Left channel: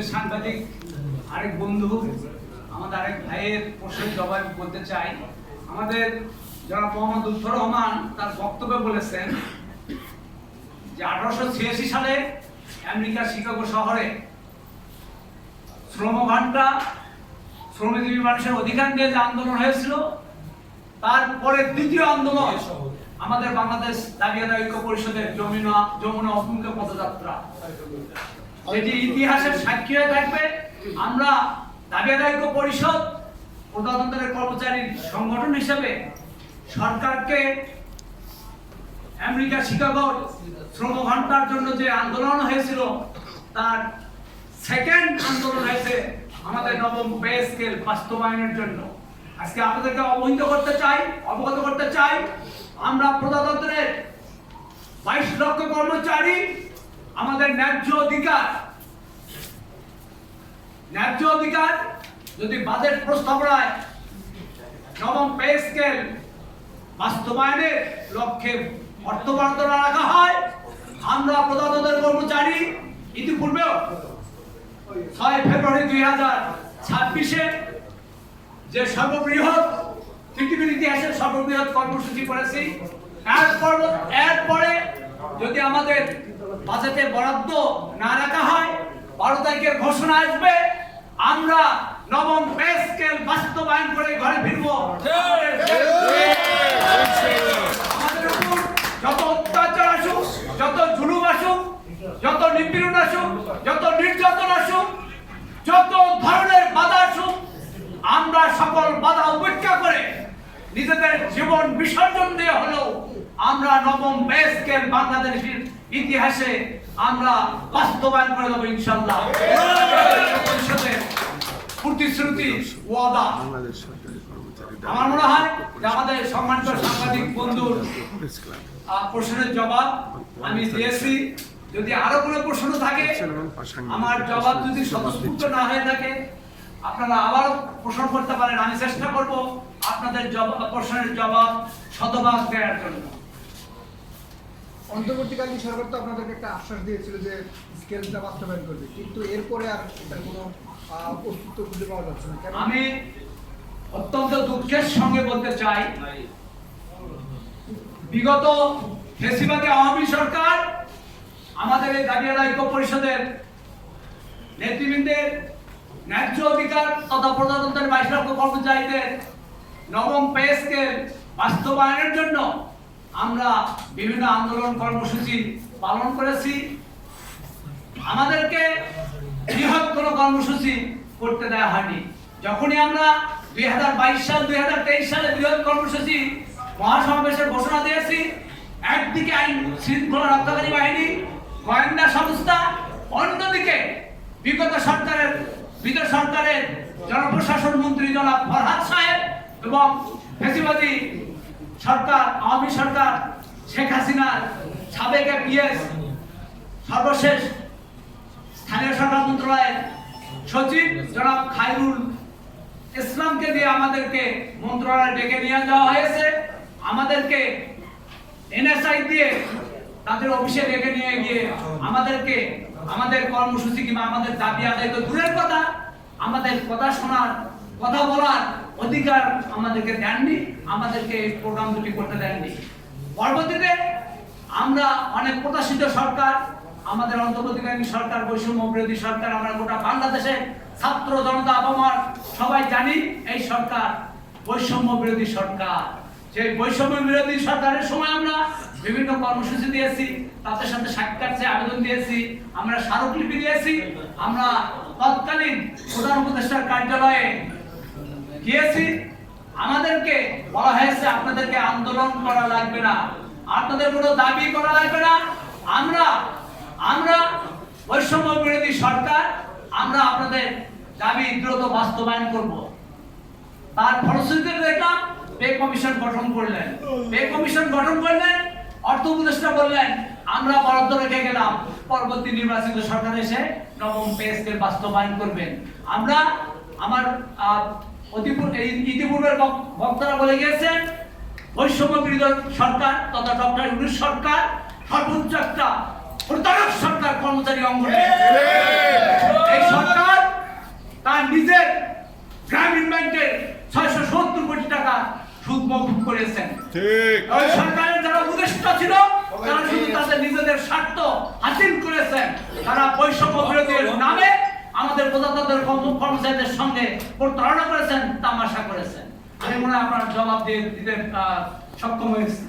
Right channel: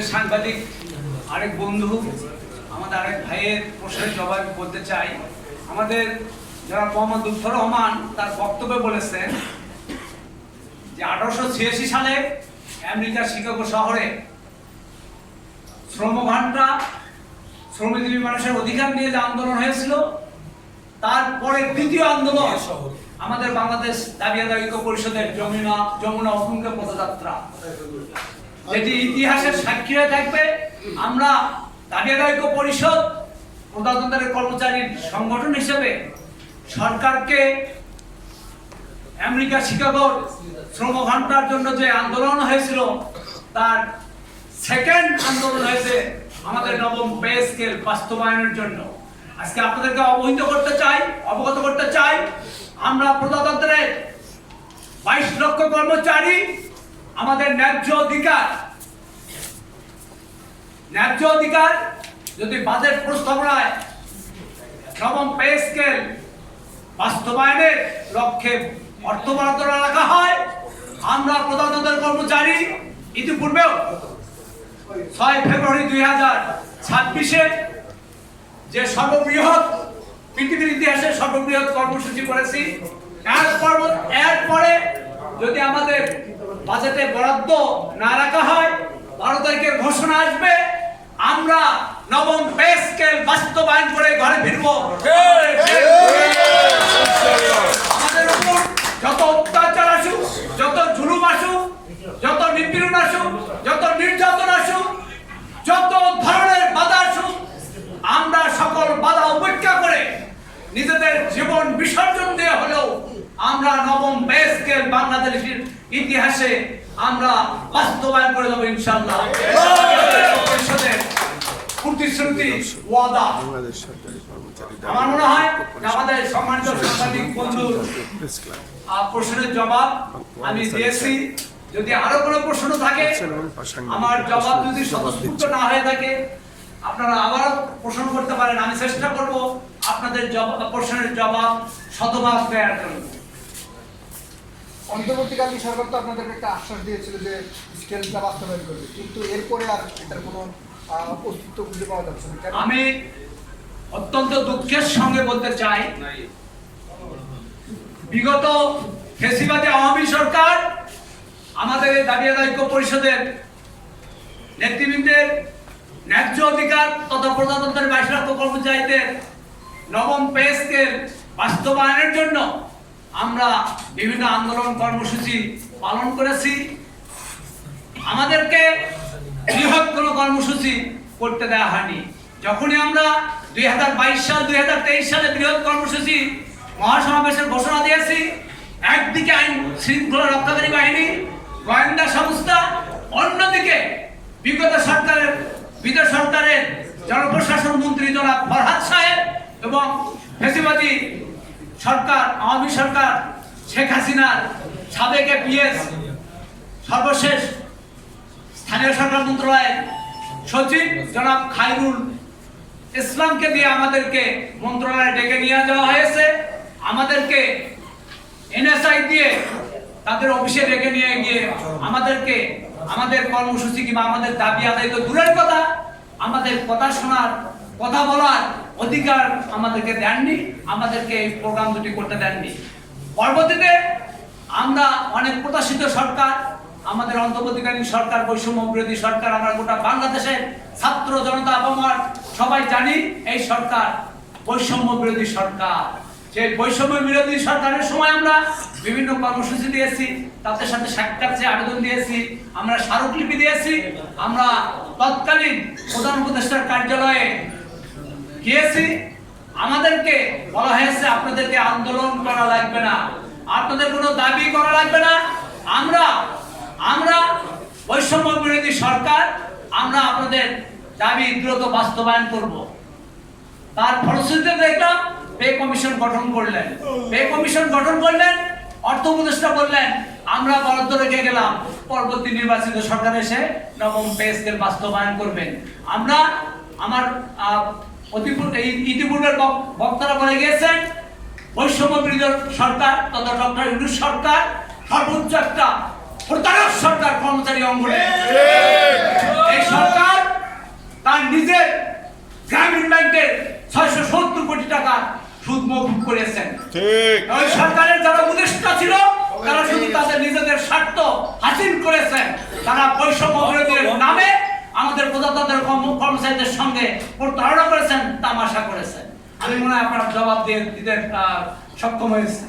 আমাদের সাংবাদিক আরেক বন্ধু, আমাদের আরেক ভাইয়ের প্রশ্নের জবাব বলতে চাই। আমাদের যারা মোহাম্মদ লুৎফর রহমান তার বক্তব্যে বলেছেন যে 1886 সালে আমেরিকার শিকাগো শহরে শ্রমঘণ্টা, শ্রমজীবী মানুষের অধিকার নিয়ে যে আন্দোলন হয়েছিল, তারপরে দ্বিতীয় আন্দোলন আমাদের বাংলাদেশ দাবি আদায় ঐক্য পরিষদের যমুনা অভিমুখে পদযাত্রা, যেটি ইতিহাসের সাক্ষী হয়ে থাকবে। আমরা দাবি আদায় ঐক্য পরিষদ প্রজাতন্ত্রের কর্মচারীর সংগঠন হিসেবে সরকারকে আমেরিকা শিকাগোর শ্রমঘণ্টার জন্য যে আন্দোলন হয়েছিল, তার সেকেন্ড আন্দোলন হয়েছে আমাদের নবম পে স্কেল বাস্তবায়নের জন্য। আজকে আপনাদেরকে অবগত করতে চাই, আমরা প্রজাতন্ত্রের 22 লক্ষ কর্মচারী আমাদের ন্যায্য অধিকার যদি বাজেট প্রস্তাবনায় নবম পে স্কেল বাস্তবায়নের লক্ষ্যে অর্থ বরাদ্দ রাখা হয়, আমরা প্রজাতন্ত্রের কর্মচারী ইতিপূর্বেও 6 ফেব্রুয়ারি 2026-এ যে সর্ববৃহৎ, পৃথিবীর ইতিহাসে সর্ববৃহৎ কর্মসূচি করেছি। এরপরে যদি আমাদের বাজেটে বরাদ্দ না রাখা হয়, 12 তারিখের ঘোষণা আসবে, আমরা নবম পে স্কেল বাস্তবায়ন করে ঘরে ফিরব। আমাদের উপর যত অত্যাচার আসুক, যত জুলুম আসুক, যত নিপীড়ন আসুক, যত নির্যাতন আসুক, যত ধরনের বাধা আসুক, আমরা সকল বাধা উপেক্ষা করে নিজেদের জীবন বিসর্জন দিয়ে হলেও আমরা নবম পে স্কেল বাংলাদেশের ইতিহাসে আমরা বাস্তবায়ন করে দেবো ইনশাআল্লাহ। পরিষদের প্রতিশ্রুতি, ওয়াদা। আমার মনে হয় আমাদের সম্মানিত সাংবাদিক বন্ধুর প্রশ্নের জবাব আমি দিয়েছি। যদি আরো কোনো প্রশ্ন থাকে, আমার জবাব যদি স্বতঃস্ফূর্ত না হয়ে থাকে, আপনারা আবারও প্রশ্ন করতে পারেন। আমি চেষ্টা করব আপনাদের প্রশ্নের জবাব শতভাগ দেওয়ার জন্য। অন্তর্বর্তীকালীন সরকার তো আপনাদেরকে একটা আশ্বাস দিয়েছিল যে স্কেলটা বাস্তবায়ন করবে, কিন্তু এরপরে আর এটার কোনো অস্তিত্ব খুঁজে পাওয়া যাচ্ছে না। আমি অত্যন্ত দুঃখের সঙ্গে বলতে চাই, বিগত ফ্যাসিবাদী আওয়ামী সরকার আমাদের এই দাবি আদায় ঐক্য পরিষদের নেতৃবৃন্দের ন্যায্য অধিকার তথা প্রজাতন্ত্রের 22 লক্ষ কর্মচারীদের নবম পে স্কেল বাস্তবায়নের জন্য আমরা বিভিন্ন আন্দোলন কর্মসূচি পালন করেছি। আমাদেরকে বৃহৎ কোনো কর্মসূচি করতে দেওয়া হয়নি। যখনই আমরা 2022 সালে বৃহৎ কর্মসূচি মহাসমাবেশের ঘোষণা দিয়েছি, একদিকে আইন শৃঙ্খলা রক্ষাকারী বাহিনী, গোয়েন্দা সংস্থা, অন্যদিকে বিগত সরকারের জনপ্রশাসন মন্ত্রী জনাব ফরহাদ সাহেব এবং ফ্যাসিবাদী সরকার, আওয়ামী সরকার, শেখ হাসিনার সাবেক পিএস, সর্বশেষ স্থানীয় সরকার মন্ত্রণালয়ের সচিব জনাব খায়রুল ইসলামকে দিয়ে আমাদেরকে মন্ত্রণালয়ে ডেকে নিয়ে যাওয়া হয়েছে। আমাদেরকে এনএসআই দিয়ে তাদের অফিসে ডেকে নিয়ে গিয়ে আমাদেরকে আমাদের কর্মসূচি কিংবা আমাদের দাবি আদায় তো দূরের কথা, আমাদের কথা শোনার, কথা বলার অধিকার আমাদেরকে দেননি, আমাদেরকে এই প্রোগ্রাম দুটি করতে দেননি। পরবর্তীতে আমরা অনেক প্রত্যাশিত সরকার, আমাদের অন্তর্বর্তীকালীন সরকার, বৈষম্য বিরোধী সরকার, আমরা গোটা বাংলাদেশের ছাত্র জনতা আপামর সবাই জানি এই সরকার বৈষম্য বিরোধী সরকার। সেই বৈষম্য বিরোধী সরকারের সময় আমরা বিভিন্ন কর্মসূচি দিয়েছি, তাদের সাথে সাক্ষাৎ আবেদন দিয়েছি, আমরা স্মারকলিপি দিয়েছি, আমরা তৎকালীন প্রধান উপদেষ্টার কার্যালয়ে গিয়েছি। আমাদেরকে বলা হয়েছে আপনাদেরকে আন্দোলন করা লাগবে না, আপনাদের কোনো দাবি করা লাগবে না, আমরা বৈষম্য বিরোধী সরকার, আমরা আপনাদের দাবি দ্রুত বাস্তবায়ন করব। তার ফলশ্রুতিতে দেখলাম পে কমিশন গঠন করলেন, অর্থ উপদেষ্টা বললেন আমরা বরাদ্দ রেখে গেলাম, পরবর্তী নির্বাচিত সরকার এসে নবম পে স্কেল বাস্তবায়ন করবেন। আমার ইতিপূর্বের বক্তারা বলে গিয়েছেন বৈষম্য বিরোধী সরকার তথা ডক্টর ইউনূস সরকার সর্বোচ্চ একটা প্রতারক সরকার কর্মচারী অঙ্গনে। এই সরকার সুদ মওকুফ করেছেন। ঠিক। ওই সরকারের যারা উপদেষ্টা ছিল তারা শুধু তাদের নিজেদের স্বার্থ হাসিল করেছেন। তারা বৈষম্য বিরোধীর নামে আমাদের প্রজাতন্ত্রের কর্মচারীদের সঙ্গে প্রতারণা করেছেন, তামাশা করেছেন। আমি মনে হয় আপনার জবাব দিতে সক্ষম হয়েছে।